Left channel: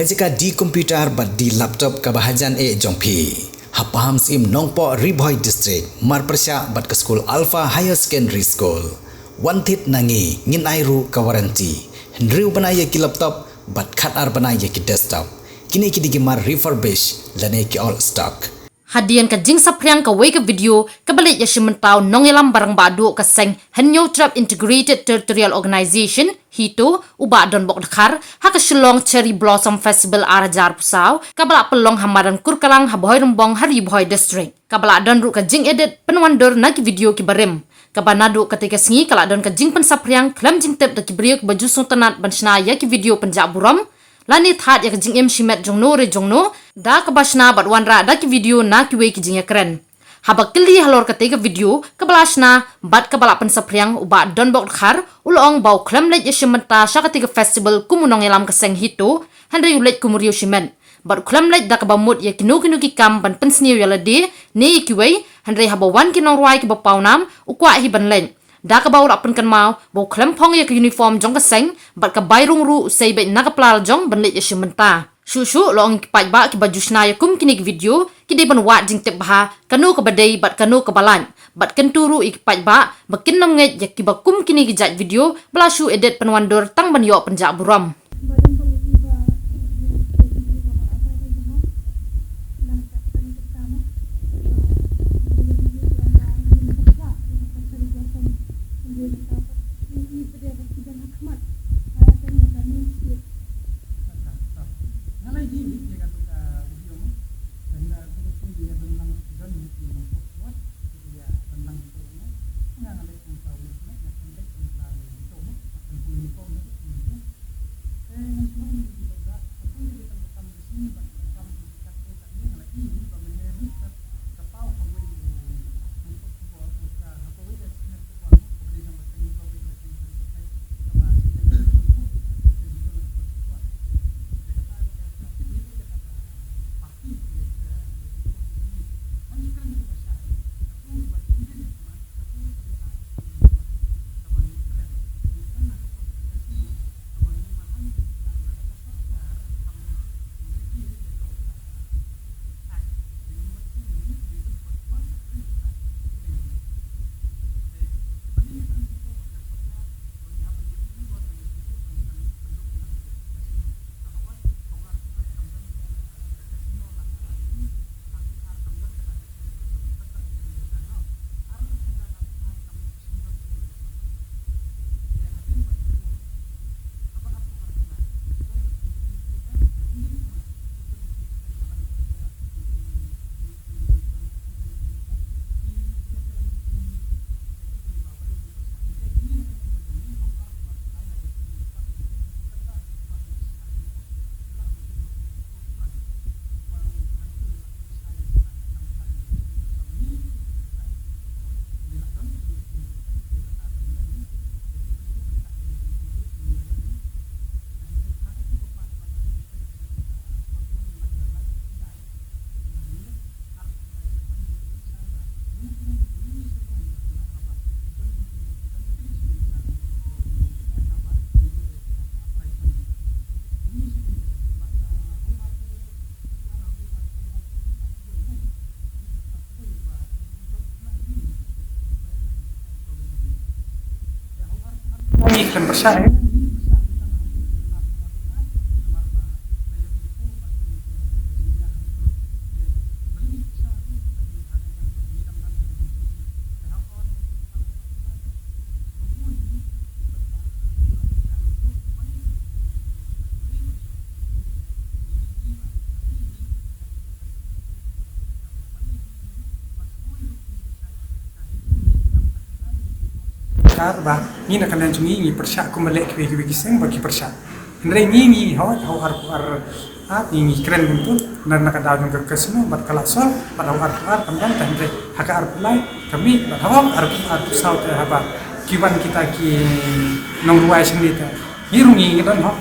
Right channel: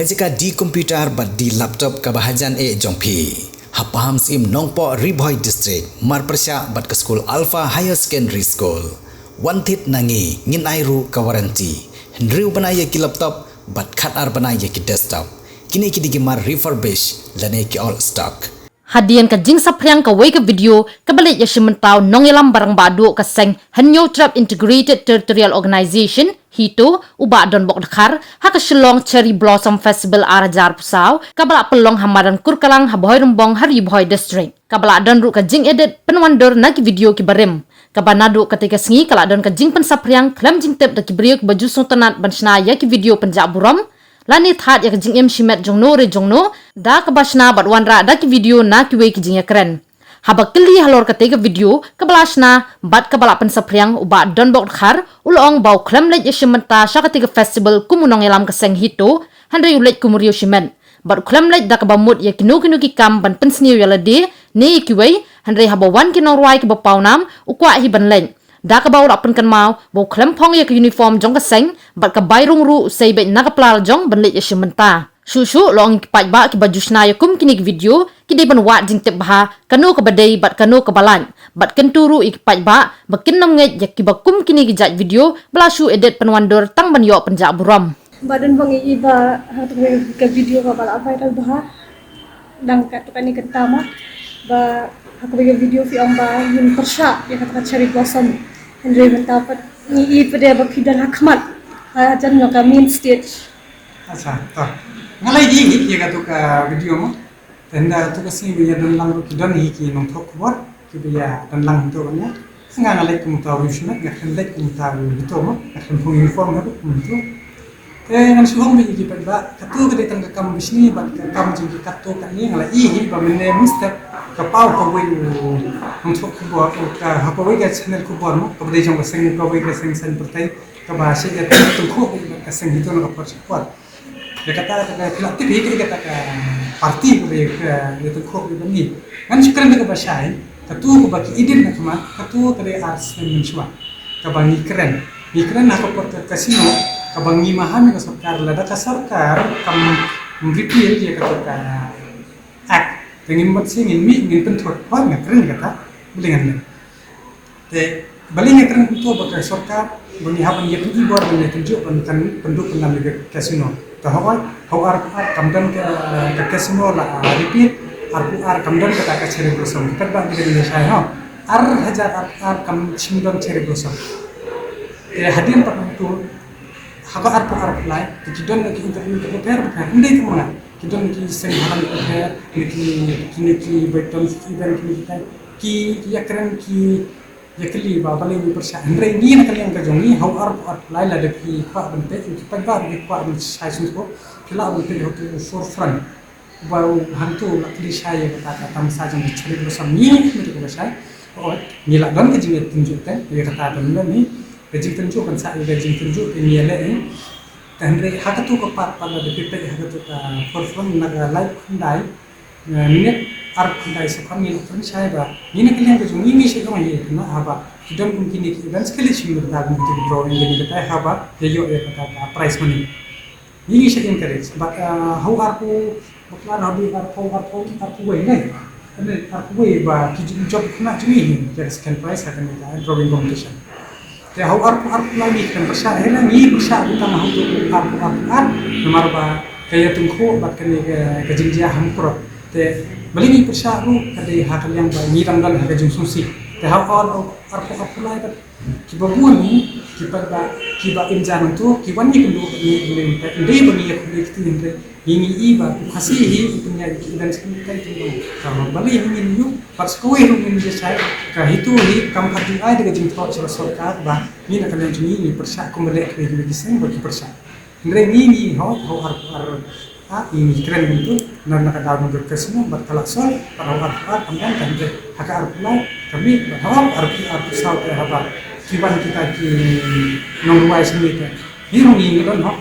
kajika di komputer bat di laptop kabahajan jongpi. Hapaham sim nongpo Riboy District marpersya bat ke school Alpha Higher Secondary School. Wantit nangi ngin airu kawaranti. Hendriu banaya ki laptop bat khatar banaya ki desktop. Kini ki digimar refurbish lane ki all stock. Hadian ka jing sapriang ka wake video kabalit ya simentau nongelam barang badu ka seng Henyo Trap Integrated Territorial Organization hito uba don bok dakar ha ka Shillong Cherry Blossom Festival arajar pusau kabala pelong hamaran kurkalang haboy rumbong hari boy district kabala don ru ka jing edit penwandor na ki video ki barem kabanadu ketika sengi kala don ka jing pen sapriang klam jing tep da ki briok baju suntanat bansna ya ki video penjak buram lani that ya jing em shimet jongno re jongno da ka basna bat wanra da ki video na ki we ki jing ya keren habak kili halor ka tega video ka balasna bat ka balapan sapriang uba don bok khar ulong bau klam le ya shimenta sha ka tega festival kumunong elam ka seng hito handre ulet kumurio shimen bat klam le da ka bamut ya kinu ki kam ban pensniu ya lade ne ki we handre habawan ki norwai ki bapaunam ukwa hi ban len da ka baw lapan kan mau bo klem phong ya ke uniform jong ka seng bat ka bayrung ru sei be na ka plal jong ban le ya shimenta shu long ki paj ba ki baju sna ya kum kini video ki de ban wa jing tep ba kanu ka badai bat kanu ka balan bat kenturu ik paj ba bakin nam nge ya ki ba kum kini ki jaj video blashu edit penwandor tang ban yo penjak buram badan bangi iba hatu ke video ka bala apa itu bah dang ka tepani ketama ba aku bagi video fi amba yin persya ya kata Cherry Blossom Henry mendapat ni pada bakidan hakmat ajan ka main stage अच्छा तो ngalai di ya katu ka video mo tenda tu ka sing biya dan lang ki don hi ki nong thok bor ki biya dan lang to nya nga ngalai kum ta wishna ga khandai kum ta to mo ga khan phung uniform ha kum to ngan suhong bi ki ba katu ka de tang ka kam bisni ba ka kam jing ki katu ka ni ngalai hi ba menne mustap ka pau ka we nong thok bor ka ha pa we ga channel ku bor mo ka de jong ka sing ka we ga sing san pertai ka ba se ga tu ko ka sing hito na ka par dia kata kelaktif ini kata parti mereka itu kok begini kan sekarang mereka bahasa katu ko baki idin na kama katu kare ars mensuah kabangi keren nak ko kasino kabangi mahami ka sarkar lada ka sarkar kam mripir dia kata ka ak dengan mat singin mi ngin pentot pa na keren kata bulingan te balingan keren to baka sarkar bani haban ya tuji bor ban tunjuk kan penduk nam kasino tahawai hawar kamdan ke kasino la repeat ar kamdan ke ta Cherry Blossom kadang di Indonesia ha ar kam simdon Cherry Blossom hadian pak itu haga ar lai kidon ki interview ke per ndai ke mana kidon ki seng halan ke per ki beton ki dan ki ya keren ki ya kali ba balik bersah ndai ni nak yang kajongi hawar lai la de ki pa bente ki pa ba ki pa ben sai sun ko kila ben te hotel for front ba hantu lakli saya kata tam saja di Cherry Blossom ni itu ko sai oh ni la don ke jinget tunjukkan ya kata dan ni gajing tunjukkan sa gajing tunjuk ni le ni tandre hakatu ko pat pada de pipe hakatu ka for front na live ndai minit ar kundai sekam ni pun saya ba ini kalian ke jung ini saya kami na haba kidon mungkin ini dan sekali sih da mungkin drawing jadi kita haba yo kata price money ini saya encourage but how aku baklan hobi aku we ne aku we ba kijin job kena cumi jadi second price akan kita drawing competition ya how aku lagi kan besar ya ni bisa kita mau aku nomor ba kayak tungku bat kan ke jinjia hampro te balini persyaru kade hakal yang ba ni ranggal ha jung susi te ha all aku lai bat ki babuan ni ki ba injan tu ki wani kundu ni inde bani ya kundi tinde ini iba hasihi punya dan sekitar itu kalau bali ini yu pas kowe ru ni saya ka hitu hi kam hadi ai de jing thot sarkar ba ni na kan jumi ni persyak ko melek ke seng bagi persyak ndre ni ho ar ini keren gitu dan nak ada untuk kesini buat kalasan pada ar kemudian dan hak ar mulai kami bahwa ar saut apa kiban kita ki nongruai sini teh irungi gitu no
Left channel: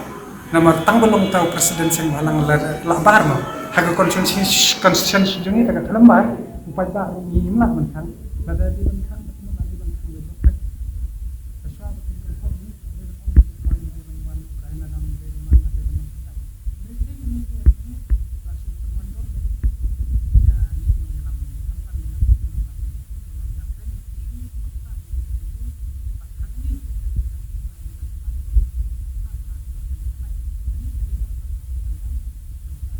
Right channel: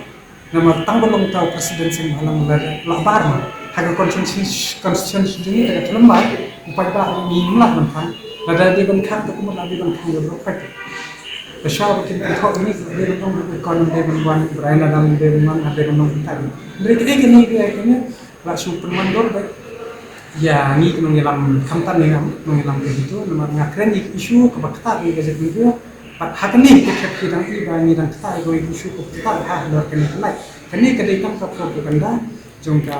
nama tanggulong tahu presiden yang halang labar no hak konsensus ini dengan lembar upaya ba ni lah mentang ada di bangkang tu kemudian di bangkang berprek Bersama kita thok ini dari kon dari buan berana dalam dari mana dari mana kita. Dari kita ini kayaknya lah super mandor baik. Ya ni kena ngilam kamtan ni ngilam begitu, nomor ngakren isu kebakta ni gajet video. Hakan ni kita iba ni dan kita isu kita lor kena kani kadai kam propaganda jongka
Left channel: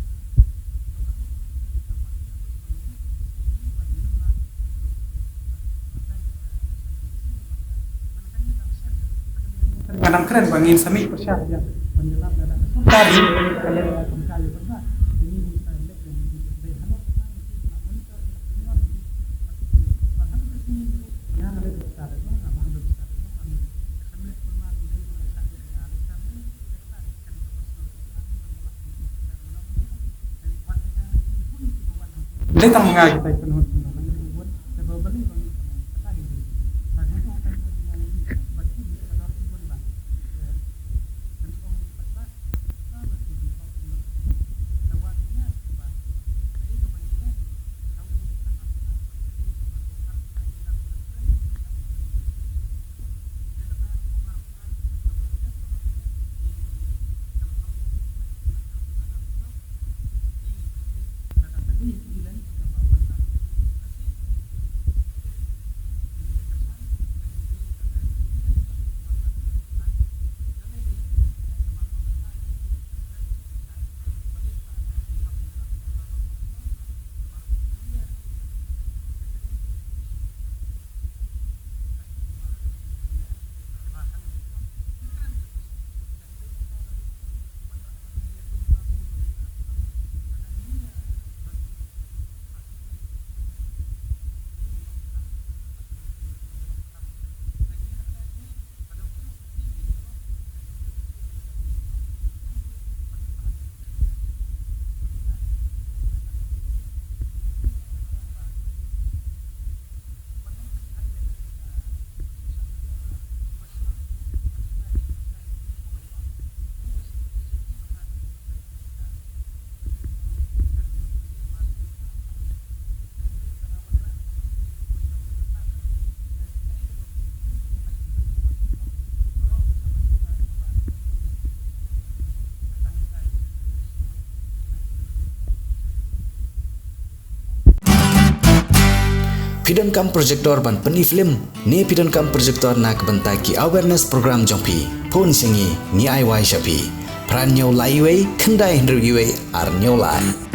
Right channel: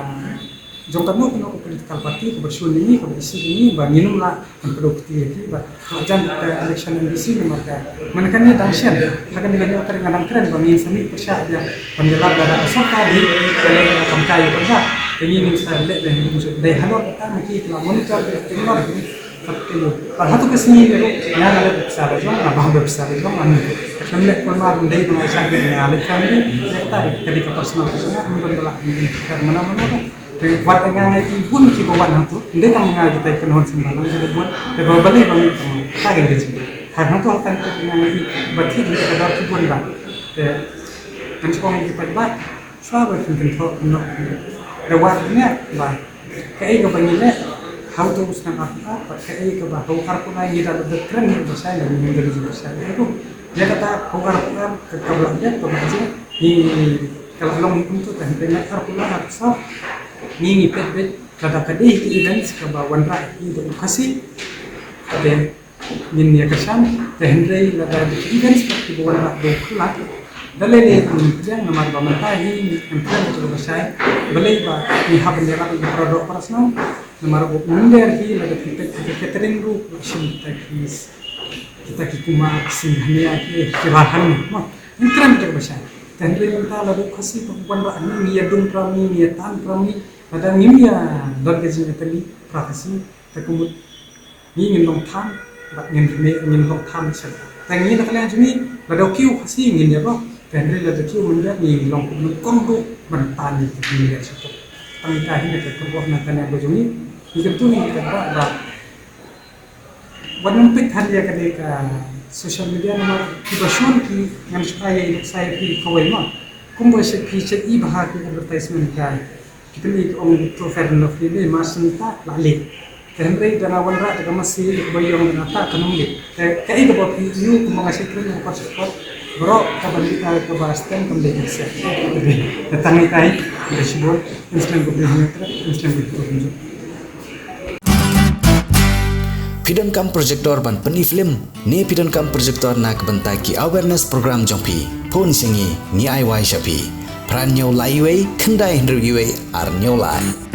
no kena political party ke bersun ini ke isi ini ba minum lah produkti ini ba jan election ini isi maka menekan ni dangsian hakan ni kan ngadam keren bangin sami persya dia pengelap ada sokari kalau kam kai persa ini ni saya lihat dan musuh dai halor kita mesti telah monitor tengok Parhatu kesini yang ada besar itu, apa besar itu, anu. Kemudian kalau dari pengacara yang ada kami, kita ketika personal membentuk mana-mana. Buat dengan itu pun kita buat itu, dia tak mengaji kita kenal sembarang kita buat, kita balik balik tak ada sih. Karena itu akan dengan itu berarti kita ada tujuan dah. Dan sekarang kita buat, sahabat tentu nak rewardnya, bah, kayak kebanyakan how to usna apa kayak ke bahau karpuna ini dapat keren itu saya yang menjadi jurusan itu dia kata kau karpuna ke belakangnya ke belakangnya ini kalau long itu kan dengan karpuna harus ini pet kada kadih itu dan sekebawan rak itu kasih dan ini ya kesan dan dari lada event seperti bawan rak doklat dalai yang nomor pemerintah ini employer itu saya beli bah ini habendera produk personal nomor bunder hi lada kita catering group kita kuma singhania ki kirahan mah intern terbesar dan dari kita lalu kasih perempuan rak ini ya dun prami ya tan prami ada ngimya dargaji tali prakasi takut ini ngindong tan ngindong tan sel tangi nak kalian jumi lada kiu kasih ngin ya bro dan dari lada kiu menjadi ni long kongdu mentani di dia situ pangkahi nak kebuah nak kalian bojumi itu tu ni kita buatวันปิดทันเดียกันเลยกับโซเชียลมีเดียนะมาที่ประชุมที่งานsayaที่เขาไว้มาคุ้มบริษัทที่จะอีบหาที่ advertisement กันkita ni orang itu Fernando ini masih tak lalik dan dari dana wanra dengan masih bayar dengan tak kanungli kayak itu buat you mengasih keren yang support bro kabar kita ke Boston kembali ke sini datang ni kai kita sebut Islam kebenaran Islam itu Pidon kam projector ban peni film ni pidon kam projector nak bentaki awareness program jompi pun singi ni ai wai shapi pran nyau lai wei kendai hendru yue ar nyau lai